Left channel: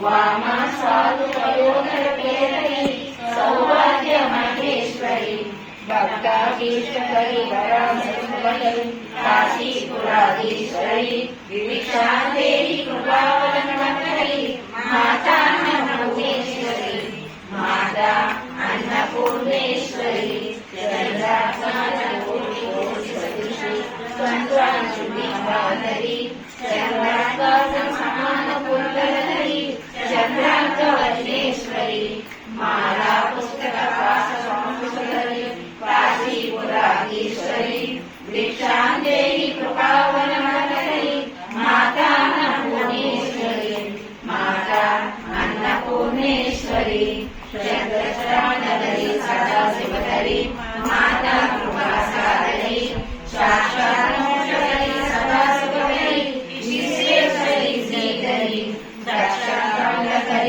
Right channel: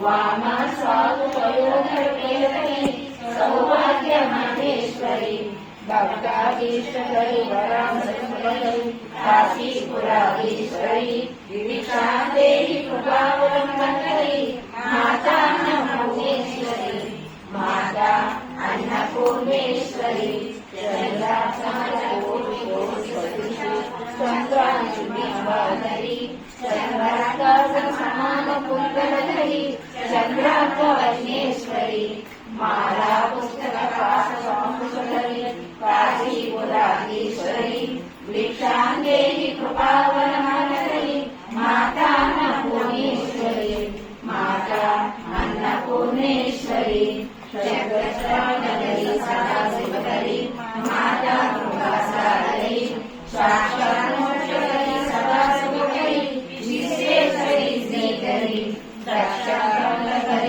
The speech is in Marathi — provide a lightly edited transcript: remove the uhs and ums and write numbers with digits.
वामा साधु वयोधर केतकी सौभाग्य महेश्वरी भक्ताभीष्टकरी वरामृतकरी काशीपुराधीश्वरी विविक्षान्देहि कृपावलम्बकरी माता भुवनेश्वरी माता अन्नपूर्णेश्वरी चंद्रांशुभीमाधरी चंद्राकाशसमानपुरधरी चंद्राकवर्णेश्वरी माला पुस्तकपाशसंस्कृतरी काशीपुराधीश्वरी दीक्षां देहि कृपा